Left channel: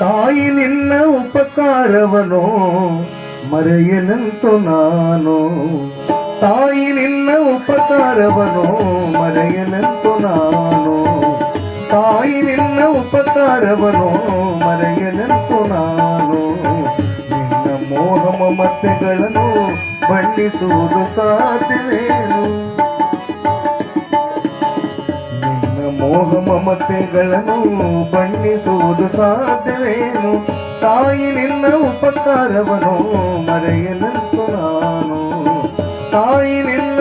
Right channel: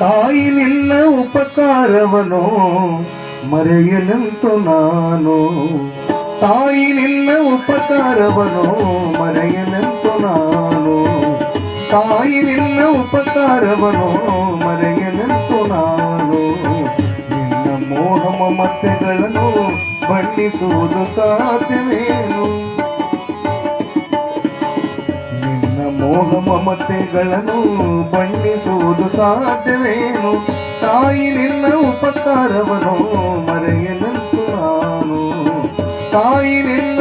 ತಾಯಿ ನಿನ್ನ ಉಪಕಾರವನು ಮರೆಯಲಂತು ನಾನು ತಾಯಿ ನಿನ್ನ ಉಪಕಾರವನು ಮರೆಯಲಂತು ನಾನು ತಾಯಿ ನಿನ್ನ ಉಪಕಾರವನು ಮರೆಯಲಂತು ನಾನು ಮಮತೆಗಳನ್ನು ಬಂಡಿಸುವುದು ಸಾಧ್ಯವೇನು? ನಿನ್ನ ಮೋಹ ಮಮತೆಗಳನ್ನು ಬಂಡಿಸುವುದು ಸಾಧ್ಯವೇನು? ತಾಯಿ ನಿನ್ನ ಉಪಕಾರವನ್ನು ಮರೆಯಲಂತು ನಾನು. ತಾಯಿ ನಿನ್ನ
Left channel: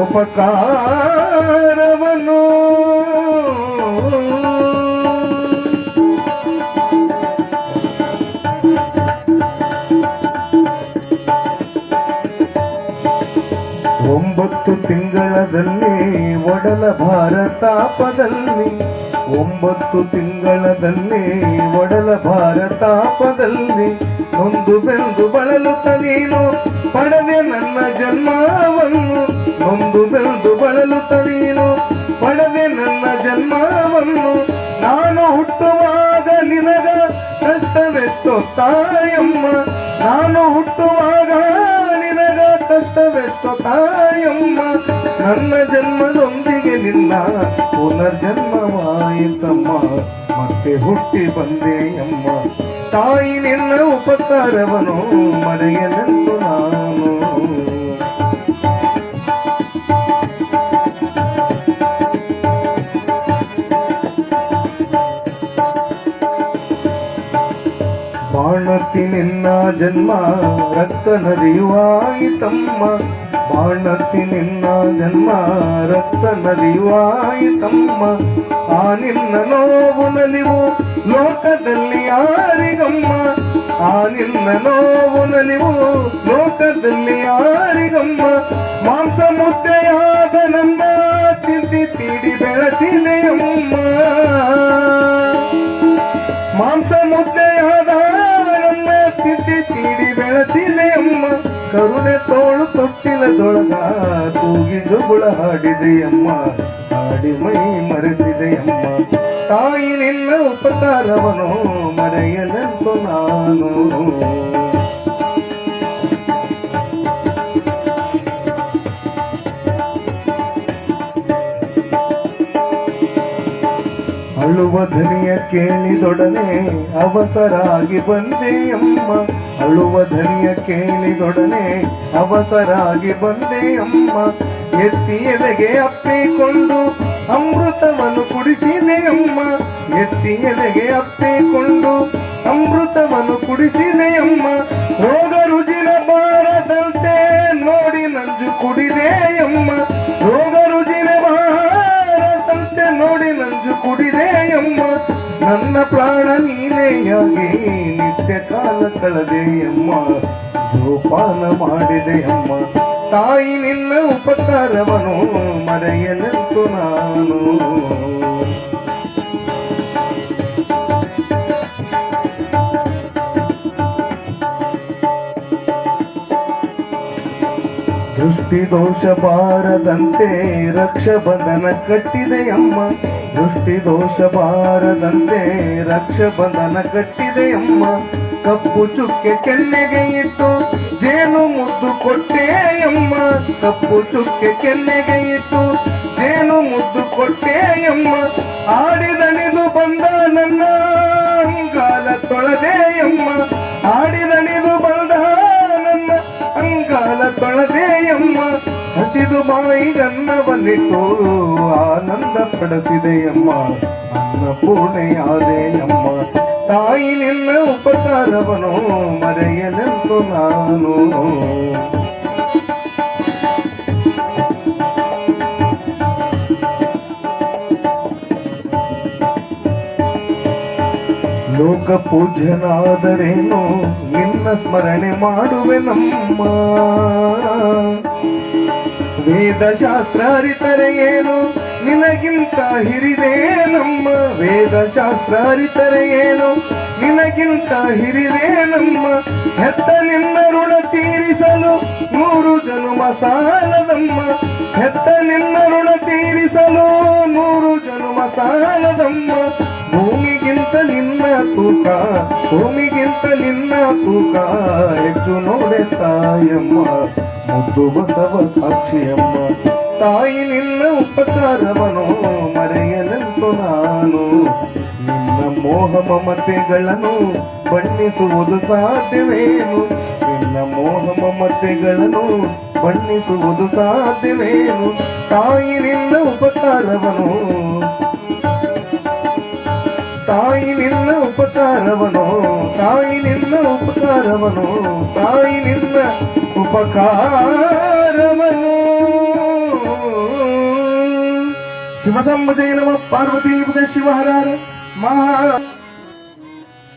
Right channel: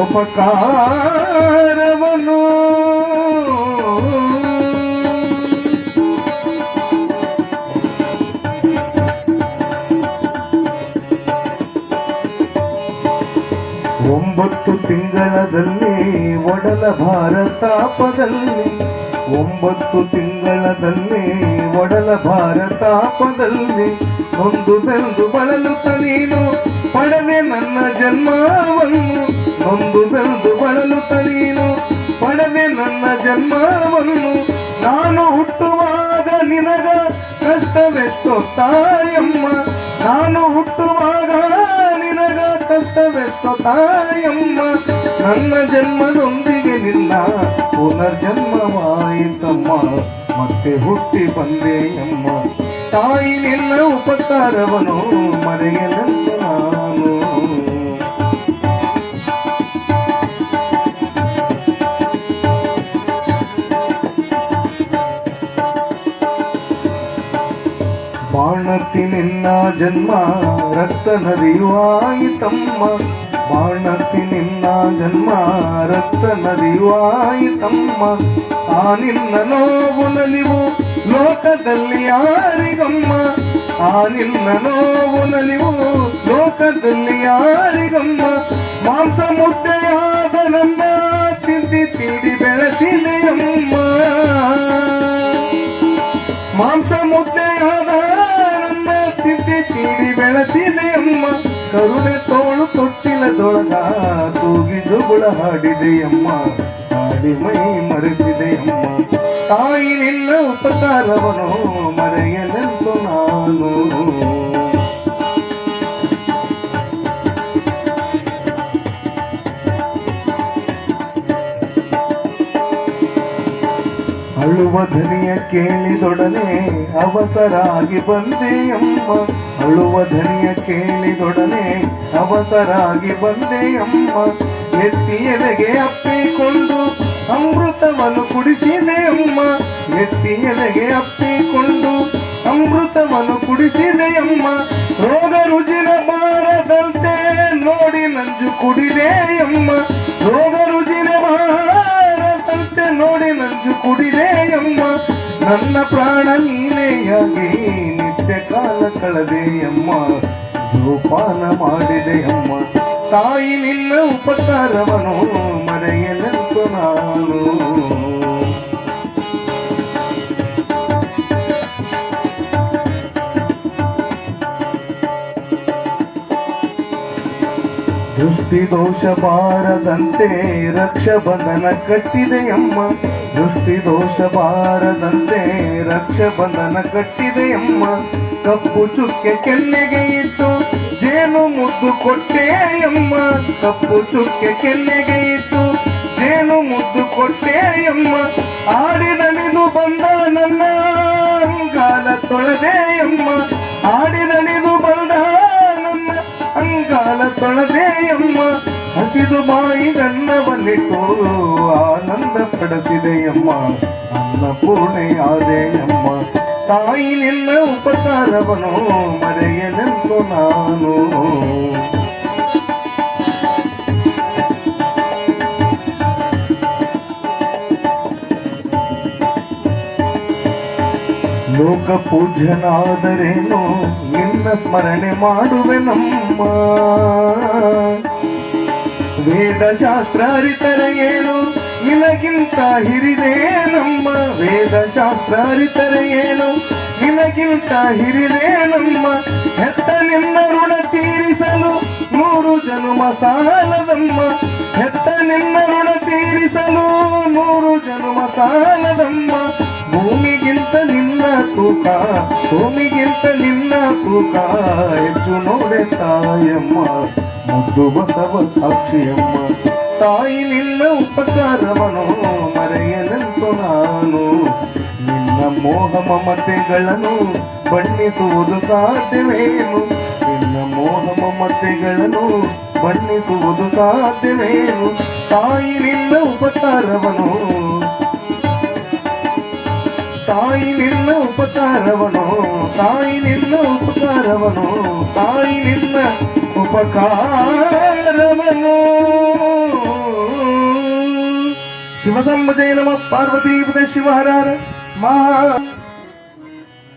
ಉಪಕಾರವನು ಒಂಬತ್ತು ತಿಂಗಳದಲ್ಲಿ ಒಡಲ ಭಾರತಾಪದಲ್ಲಿ, ಒಂಬತ್ತು ತಿಂಗಳದಲ್ಲಿ ಒಡಲ ಭಾರತಾಪದಲ್ಲಿ, ನೊಂದು ಬೆಂದು ಬಳಲು ನೀನು, ಪಡವೆ ನನ್ನ ಜನ್ಮವನ್ನು, ನೊಂದು ಬೆಂದು ಬಳಲು ನೀನು, ಪಡವೆ ನನ್ನ ಜನ್ಮವನ್ನು, ನಾನು ಹುಟ್ಟುವಾಗ ನಿನಗ ಕಷ್ಟವೆಷ್ಟೋ ತಾಯಮ್ಮ ನಾನು ಹುಟ್ಟುವಾಗ ಕಷ್ಟವೆಷ್ಟೋ ತಾಯಮ್ಮ ನನ್ನ ಜನ್ಮದೊಂದಿಗೆ ನಿನ್ನ ಪುನರ್ಜನ್ಮವಾಯಿತಮ್ಮ ಮತ್ತೆ ಹುಟ್ಟಿ ಬಂದೆಯಮ್ಮ ತಾಯಿ ನಿನ್ನ ಉಪಕಾರವನು ಮರೆಯಲೆಂದು ಬಾಣತಿ ನಿನ್ನ ಜನ್ಮ, ರಕ್ತ ನದಿಯುವಾಯಿತಮ್ಮ ಬಾಣತಿ ನಿನ್ನ ಜನ್ಮ, ರಕ್ತ ನದಿಯುವಾಯಿತಮ್ಮ ಆ ನಿನ್ನ ನೋವು ನಲಿವು ಲೋಕದಲ್ಲಿ ಯಾರಿಗಮ್ಮ? ಆ ನಿನ್ನ ನೋವು ನಲಿವು ಲೋಕದಲ್ಲಿ ಯಾರಿಗಮ್ಮ? ಮಾಂಸ ಮುದ್ದೆಯಾದ ನಮ್ಮ ತಿಂದಿ ತಿಡಿ ಬೆಳೆಸಿದೆಯಮ್ಮ. ಮಾಂಸ ಮುದ್ದೆಯಾದ ಜುಗುಳ ಹಾಡಿದೆಯಮ್ಮ, ಹಾಡಿ ಮೈ ಮರೆಸಿದೆಯಮ್ಮ. ತಾಯಿ ನಿನ್ನ ಉಪಕಾರವನು ಮರೆಯಲೆಂದು ನಾನು. ಅಳುವ ಧನಿಯ ಕೇಳಿದೊಡನೆ ಅವಸರಾಗಿ ಬಂದೆಯಮ್ಮ. ಅಳುವ ಧನಿಯ ಕೇಳಿದೊಡನೆ ಅವಸರಾಗಿ ಬಂದೆಯಮ್ಮ. ಎತ್ತಿ ಎಲೆಗೆ ಅಪ್ಪಿಕೊಂಡು ಅಮೃತವನ್ನು ಕುಡಿಸಿದೆಯಮ್ಮ ಎತ್ತಿ ಎಲೆಗೆ ಅಪ್ಪಿಕೊಂಡು ಅಮೃತವನ್ನು ಕುಡಿಸಿದೆಯಮ್ಮ ರೋಗ ರುಜಿನ ಬಾರದಂತೆ ನೋಡಿ ನಂಜು ಕುಡಿದೆಯಮ್ಮ ರೋಗ ರುಜಿನ ಬಾರದಂತೆ ನೋಡಿ ನಂಜು ಕುಡಿದೆಯಮ್ಮ ನನ್ನ ಪ್ರಾಣ ನೀನೆಯಾಗಿ ನಿತ್ಯ ಕಾಲ ಕಳೆದೆಯಮ್ಮ ಜೋಪಾನ ಮಾಡಿದೆಯಮ್ಮ ತಾಯಿ ನಿನ್ನ ಉಪಕಾರವನು ಮರೆಯಲೆಂತು ನಾನು. ದೃಷ್ಟಿ ದೋಷ ಬಾರದಂತೆ ರಕ್ಷಬಂಧನ ಕಟ್ಟಿದೆಯಮ್ಮ. ದೃಷ್ಟಿ ದೋಷ ಬಾರದಂತೆ ರಕ್ಷಬಂಧನ ಕಟ್ಟಿದೆಯಮ್ಮ. ಕಪ್ಪು ಚುಕ್ಕೆ ಕೆನ್ನೆಗೆ ಇಟ್ಟು ಜೇನು ಮುದ್ದು ಕೊಟ್ಟೆ ಕೊಟ್ಟೆಯಮ್ಮ ಕಪ್ಪು ಚುಕ್ಕೆ ಕೆನ್ನೆಗೈತು ಜೇನು ಮುದ್ದು ಕೊಟ್ಟೆ ಕೊಟ್ಟೆಯಮ್ಮ ಆಡಿದಣಿದು ಬಂದ ನನ್ನ ಅಂಗಾಲ ತೊಳೆದೆಯಮ್ಮ ಆಡಿದಣಿದು ಬಂದ ನನ್ನ ಅಂಗಾಲ ತೊಳೆದೆಯಮ್ಮ ಹಸಿದು ಬಾಯಿ ಗನ್ನವನ್ನಿಟ್ಟು ಆನಂದ ಪಡಿಸಿದೆಯಮ್ಮ ಅನ್ನಪೂರ್ಣೆಯಾದೆಯಮ್ಮ ತಾಯಿ ನಿನ್ನ ಉಪಕಾರವನು ಮರೆಯಲೆಂದು ನಾನು ಲೋಕ ಪೂಜ್ಯನಾದರೇನು ನಿನ್ನ ಸ್ಮರಣೆ ಮಾಡುವೆ ನಮ್ಮ ವೇದಶಾಸ್ತ್ರ ಅರಿತರೆ ಏನು ನಿನಗಿಂತ ಹಿರಿದೇ ನಮ್ಮ ವೇದಶಾಸ್ತ್ರ ಅರಿತರೆ ಏನು ನಿನಗಿಂತ ಹಿರಿದೇ ನಮ್ಮ ಹೆತ್ತ ನಿನ್ನ ಋಣ ತೀರಿಸಲು ನೂರು ಜನುಮ ಸಾಲದಮ್ಮ. ಹೆತ್ತ ನಿನ್ನ ಋಣ ತೀರಿಸಲು ನೂರು ಜನುಮ ಸಾಲದಮ್ಮ. ಭೂಮಿಗಿಂತ ನಿನ್ನ ತೂಕ, ಭೂಮಿಗಿಂತ ನಿನ್ನ ತೂಕ ಹೆಚ್ಚು ನೋಡೆ ತಾಯಮ್ಮ. ಮುದ್ದು ಬಸವ ಸಾಕ್ಷಿಯಮ್ಮ. ತಾಯಿ ನಿನ್ನ ಉಪಕಾರವನು, ಮರೆಯಲೆಂದು ನಾನು. ನಿನ್ನ ಮೋಹ ಮಮತೆಗಳನ್ನು ಬಣ್ಣಿಸುವುದು ಸಾಧ್ಯವೇನು? ನಿನ್ನ ಮೋಹ ಮಮತೆಗಳನ್ನು ಬಣ್ಣಿಸುವುದು ಸಾಧ್ಯವೇನು? ತಾಯಿ ನಿನ್ನ ಉಪಕಾರವನು, ತಾಯಿ ನಿನ್ನ ಉಪಕಾರವನು, ತಾಯಿ ನಿನ್ನ ಉಪಕಾರವನು, ತಾಯಿ ನಿನ್ನ ಉಪಕಾರವನು சிவசம்பஜை நம பார்வதி புத சிவஹரார மகா